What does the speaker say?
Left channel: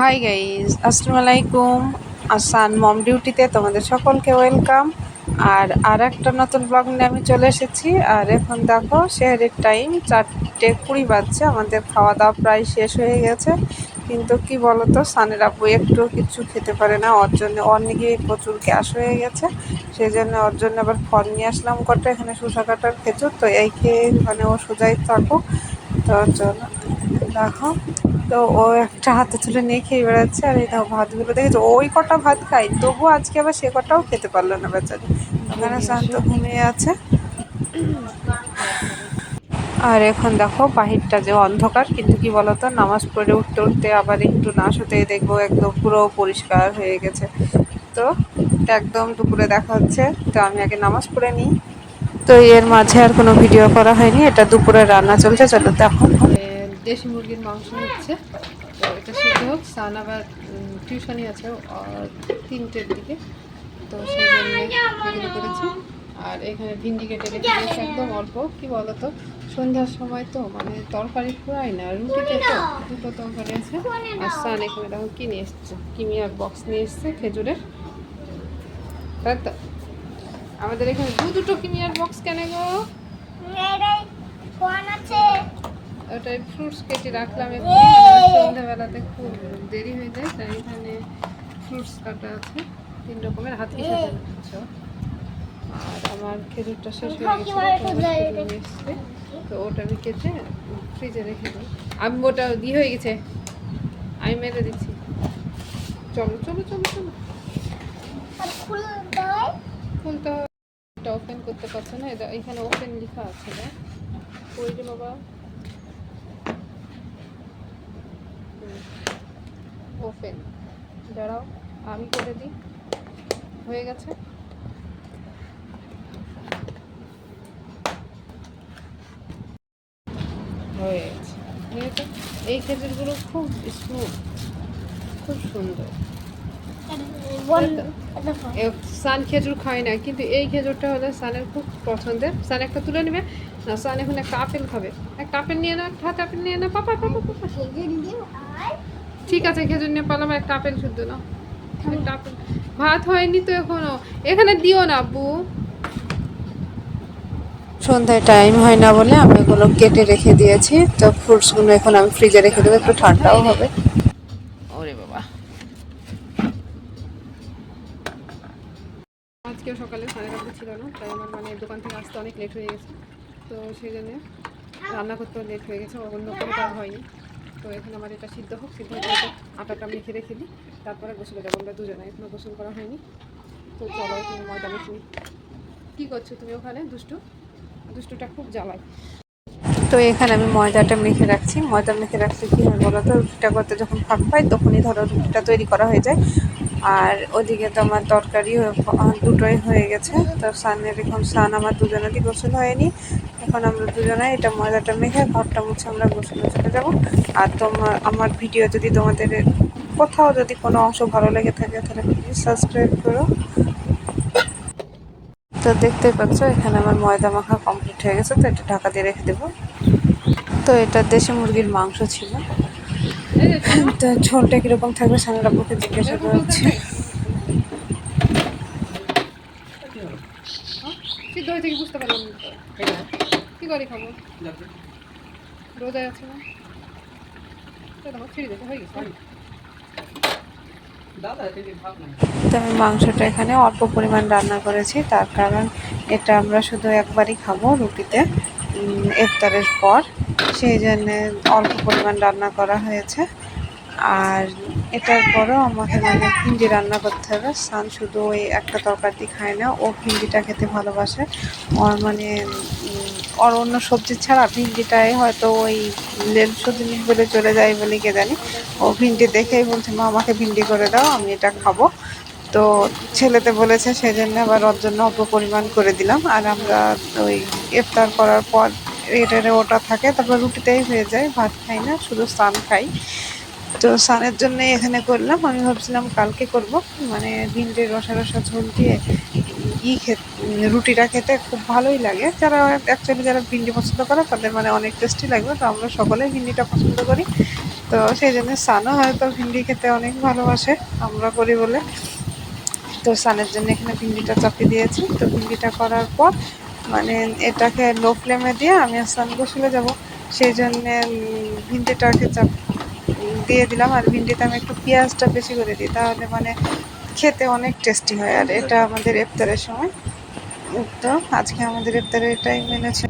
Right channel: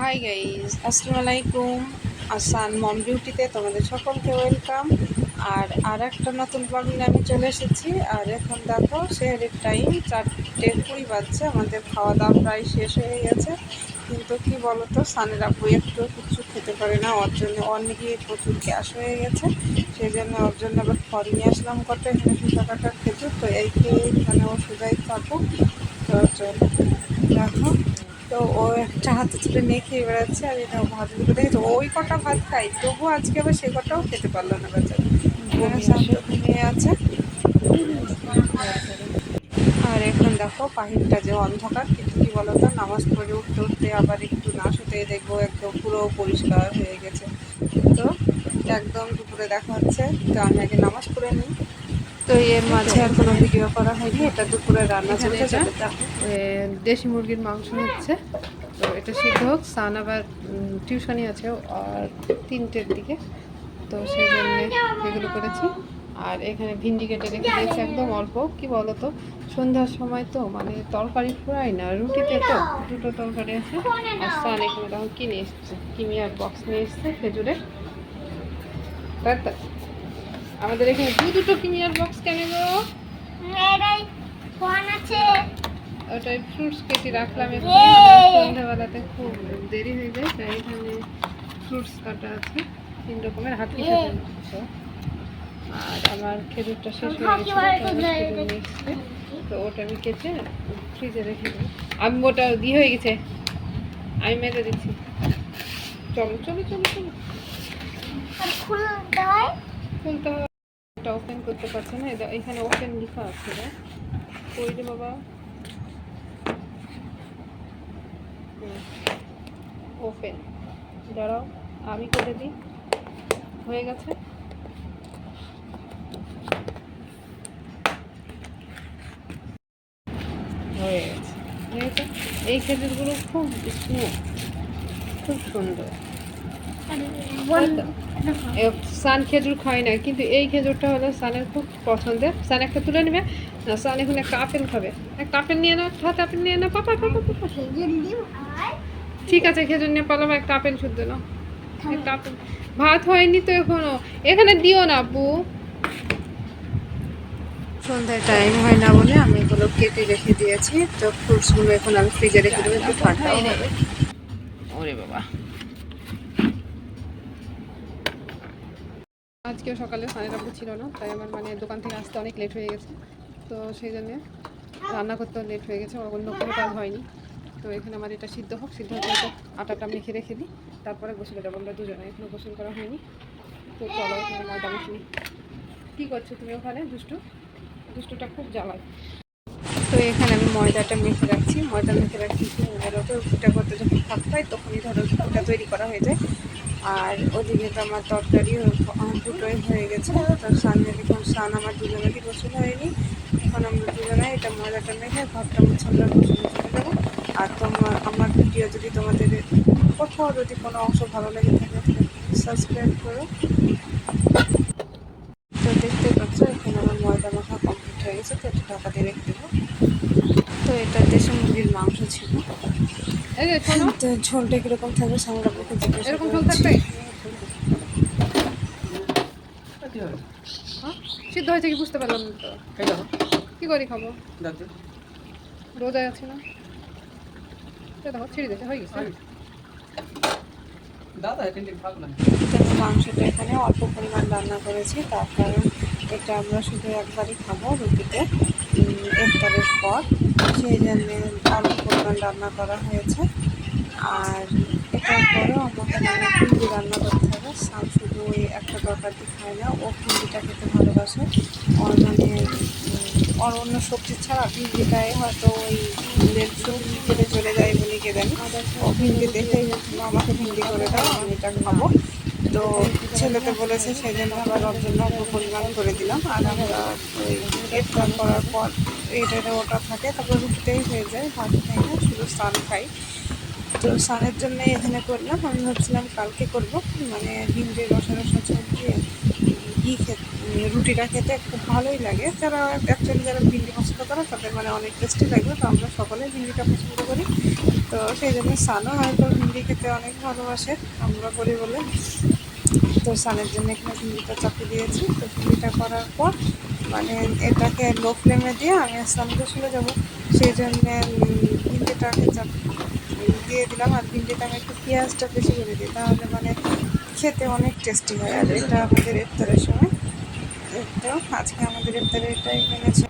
Hi guys, আসসালামু আলাইকুম। আসান মম ডিউটিতে তোমাদের সকলকে ওয়েলকাম। আর একটা নতুন ব্লগ নিয়ে আমি চলে এসেছি। আর এখন দেখো সেহরির টাইম 4:20 বাজছে। আমাদের খাওয়া দাওয়া প্রায় শেষ হয়ে গেছে, কিন্তু কি বলতো, সানের আব্বু একটু কিছু খেতে পারে না। ওর জন্য অনেকে প্রচুর গ্যাস হয়ে গেছে, সেই জন্য ওর জন্য আবার ফল নিয়ে আসলাম কটা। এখানে শসা কাটার খেজুর, তো এই খেয়ে মানে ও সোজাই থাকুক। তো ওর জন্য দেখো, তো ও একটা হাতে তুলে নিয়ে খেয়ে বেড়াচ্ছে। আর এই দেখো ভাতগুলো দেখেছো, ওই কটা ভাত খাই, তবু আজকে আবার সে কটাও খেতে পারলো না বেচারি। এখানে শান্ত ঘুমিয়ে আছে। আর এখন দেখো বাহিরটা যে অন্ধকার, কিন্তু কি বলতো, নামাজ পড়ে উঠতে উঠতে আবার একটু না শুতেই দেখবো একদম পুরো পরিষ্কার হয়ে গেছে। তো একদম দুপুরে দেখা হচ্ছে। তো আমি আগে নামাজ পড়ে নিই। তো এর মাঝে আর কোনো ভিডিও করা হয়নি। এটা দুপুরে রান্না চলছে, চলো দেখো। দেশি মুরগির মাংস হচ্ছে, তো এটা সিদ্ধ হোক। সান আবার টিউশনি আছে আর 3টের দিকে, তো সেই জন্য এগুলো করেছি। আর এখানে ভিন্ডি কেটে রেখে দিয়েছি একদম অল্প। কি বলতো, সন্ধ্যার সময় তো মানে তরকারি ফুরাই না রুটিতে, তো দুটো তরকারি আছে। আর সান এখানে দেখো কি নিয়ে এসছে, কিমিয়ার বক্স নিয়ে এসছে খেজুরের। তাই তো আমাদের এখানে দুটো কিমিয়ার বক্স কেন গো? ওটাই ফ্রুটস কেটে রাখলাম একটু, সন্ধ্যাবেলাতে খুব দেরি হয়ে যায়, তাই এখানে ফ্রুটস কাটা আছে 3 রকমের, হাত কি সাথে। আর আমার খেজুরটা শেষ হয়ে গেছে, তো ওটা আমি কেটে ফ্রিজে রেখে দিই। আমি ওটা দিয়ে হয়ে গেছে, আমি মেরে দিচ্ছি। চলো চলো চলো চলো, খুলতে হবে। এটা ওপেন করতে পারছে না, এটা এখানে ওপেন লেখা আছে না। কই রে বাবা, ওপেন, দাঁড়াও আমি করে দিই। হয়ে গেছে। হয়ে গেছে, ঠিক আছে। এই খেজুরগুলো খুব স্মুথ, খুব সুন্দর। সান খেজুর খায় না, কিন্তু এই খেজুরটা হলো সানের খুব পছন্দের। সান একটা তুলে নেবে না, সান এখন একটা আপেল খাবে। একটা আপেল নিয়ে নাও, একটা হাতে আপেল নিয়ে নাও। পাপা পাপা পাপা, ঠিক আছে খেজুর নিয়ে পালাম। একটা আপেল শুদ্ধ নাও, একটা আপেল। ভাত হয়নি তো এখনো, এখানে দিও না আব্বু। সন্ধ্যায় টাইম হয় না বলে আমি এগুলো কেটে রেখে দিয়েছি। তো ফ্রুটসগুলো এখন আমি ফ্রিজে রেখে দেবো, একটু ঠান্ডাও হবে। ওরে বাবা, আজকেও সকালে সানের আব্বু ছিল না, তাই আমার মানে দোকান থেকে আসতে অনেক লেট হয়ে গেছে। তো সেই জন্যে রান্না করতেও লেট হয়ে গেছে, অন্য কোনো কাজ হয়নি। তো এখানে আমার এটা সিদ্ধ হোক, সিদ্ধ হতে হতে আটাটা মেখে রেখে দিই, তারপরে গোসলে যাবো আমরা দুজনে। এখনও গোসল করা হয়নি, তো চলো এখানে ময়দা মেখে নিই। কী করছো তুমি ওখানে? দুষ্টুটা খুব জ্বালায়। তো এখানে আমি ময়দাটা মেখে রাখছি। ময়দা মেখে রাখছি কী হয় বলো তো, রুটিটা করতে যখন ফাঁক পাই তখনই ধরো রুটিটা তৈরি করা হয়ে যায়। আর ওদিকে তো আমার তরকারি দুটোই হয়ে গেছে। তো সানের এখন আমার দুজনেরই গোসল হয়নি। এখন আমরা দুজনে এটা ময়দাটা মেখে ঘরটা মুছে আমরা গোসলে চলে যাবো। আর আমার ভিডিও যদি তোমাদের কোথাও যদি কোনো অংশ ভালো লেগে থাকে তাহলে প্লিজ সাবস্ক্রাইব করো। তো দেখতেই পাচ্ছ এখানে আমার ময়দা মাখা কমপ্লিট হয়ে গেছে। তো এটা ঢাকা দিয়ে রেখে দেবো। তো এটা দেশি মুরগির মাংস ছিল। তো ঝোলটা কীরকম থাকবে সানের আব্বুকে জিজ্ঞাসা করছি। সিদ্ধ হয়েছে কি বুঝতে পারলাম না তো, কী করে খাবো? রোজায় আছে না, দেখো ছিঁড়ে দিতে হয়ে গেছে। তো আমি মাংসটা এখানে অল্প পরিমাণ রান্না করেছি, তার কারণ এটা আমরা শুধু একবারই খাবো রুটিতে ইফতারের পর, সেই জন্যে অল্প পরিমাণ রান্না করা হয়েছে। আর এটার পরও আমাকে মানে ভিন্ডি রান্না করতে হবে। সান শুধু ওই একটা তরকারি খায় না, ও ভিন্ডিটা খেতে ভালোবাসে। ওর মানে ওর অন্য সবজি ছাড়া ভিন্ডিটাই হয়তো ওই লেল সবজি বলে চলে যায় বলে কে জানি। ও ভিন্ডি দেখেই বলছে মা আমাকে ভিন্ডি করে দাও, আমি এটা খাবো। তো ছেলেতে বলেছে, সেই জন্য আবার ওর জন্য অল্প পরিমাণ করে দিলাম। আর আমরা ওই ইফতার করার পর এটা ওটা থাকে, তারপর রুটিতেই হয়ে যায়, ভাত খাই না, শুধু সান খাই। তো সানের জন্যই এখানে করলাম। আমি ভাবছিলাম কালকে করব, মানে ভিন্ডির রসা রসা ঝোল দিয়ে রুটিটা খেতে খুব ভালোই লাগে। যারা অ্যাকচুয়ালি যারা ভিন্ডি পছন্দ করে তাদের মানে অনেক টেস্টি লাগবে। তো আমরা সকলেই ভিন্ডিটা পছন্দ করি, তো সেই জন্য সানও হয়তো ভিন্ডি খেতে অনেক ভালোবাসে, আমরা করি বলে। তো সানের জন্য এখানে ভিন্ডিটা চাপিয়ে দিয়েছি। তো ভিন্ডিটা করার পর মানে এটাকে লো ফ্লেমে দিয়ে আমি সান গোসলে যাব, সেই জন্যে ভিন্ডিটাকে দিয়ে দিলাম। আর ভিন্ডিতে আমি একটু পেঁয়াজটা বেশি করে দিই, তাহলে মানে খেতে অনেক টেস্টি হয়। আর এটা আমাদের ইফতারের সময়, তো আজকে আমাদের ইফতারে এটাই মেনেছে।